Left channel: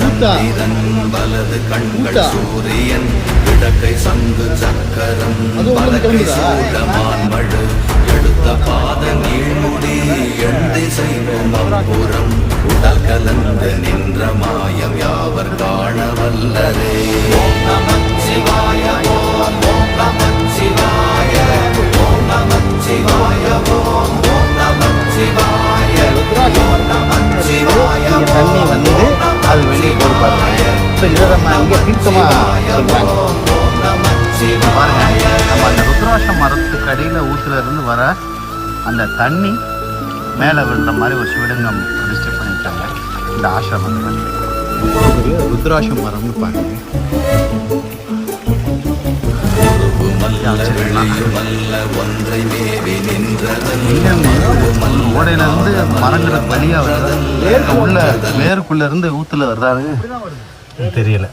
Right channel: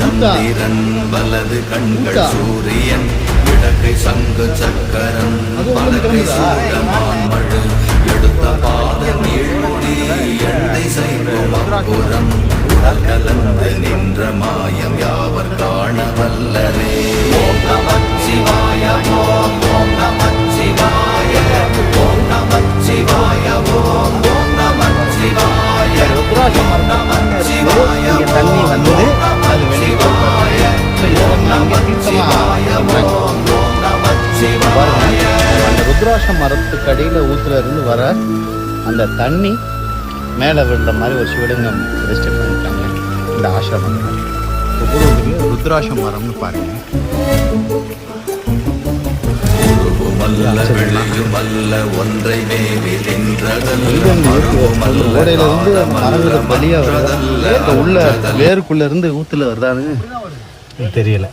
சந்திரன் வலது கண்கள் சூரியன் இடக்கை சங்கு சக்கரம் மழு எடுத்த பாத நீழ்முடி எந்தை செய்வோம் அப்புறம் உடல் கலந்து நின்ற மாயம் யாவர் காண வல்லரே. ஓம் நமச்சிவாய ஓம் ஓம் நமச்சிவாய ஓம் நமச்சிவாய ஓம் ஓம் நமச்சிவாய. தண்ணி வந்து அது வெளியே போயிருப்பாங்க. இப்போ இதை நம்ம இங்கே தீர்க்கமாக ருத்ராட்ச மரத்துக்கு அடியில் ஊற்றுலேருந்து வர அந்த தண்ணி மேலே விழுற மாதிரி ஒரு சிவலிங்கம் ரெஜிஸ்டர் பண்ணிட்டாங்க இந்த ஆசிரமம். ருத்ராட்ச மரம்னு பாருங்க. ஓடையில இருந்து மரங்களை பலியா வேருக்குள்ள இருந்து ஊத்துல வர்றாருங்க தெரியல.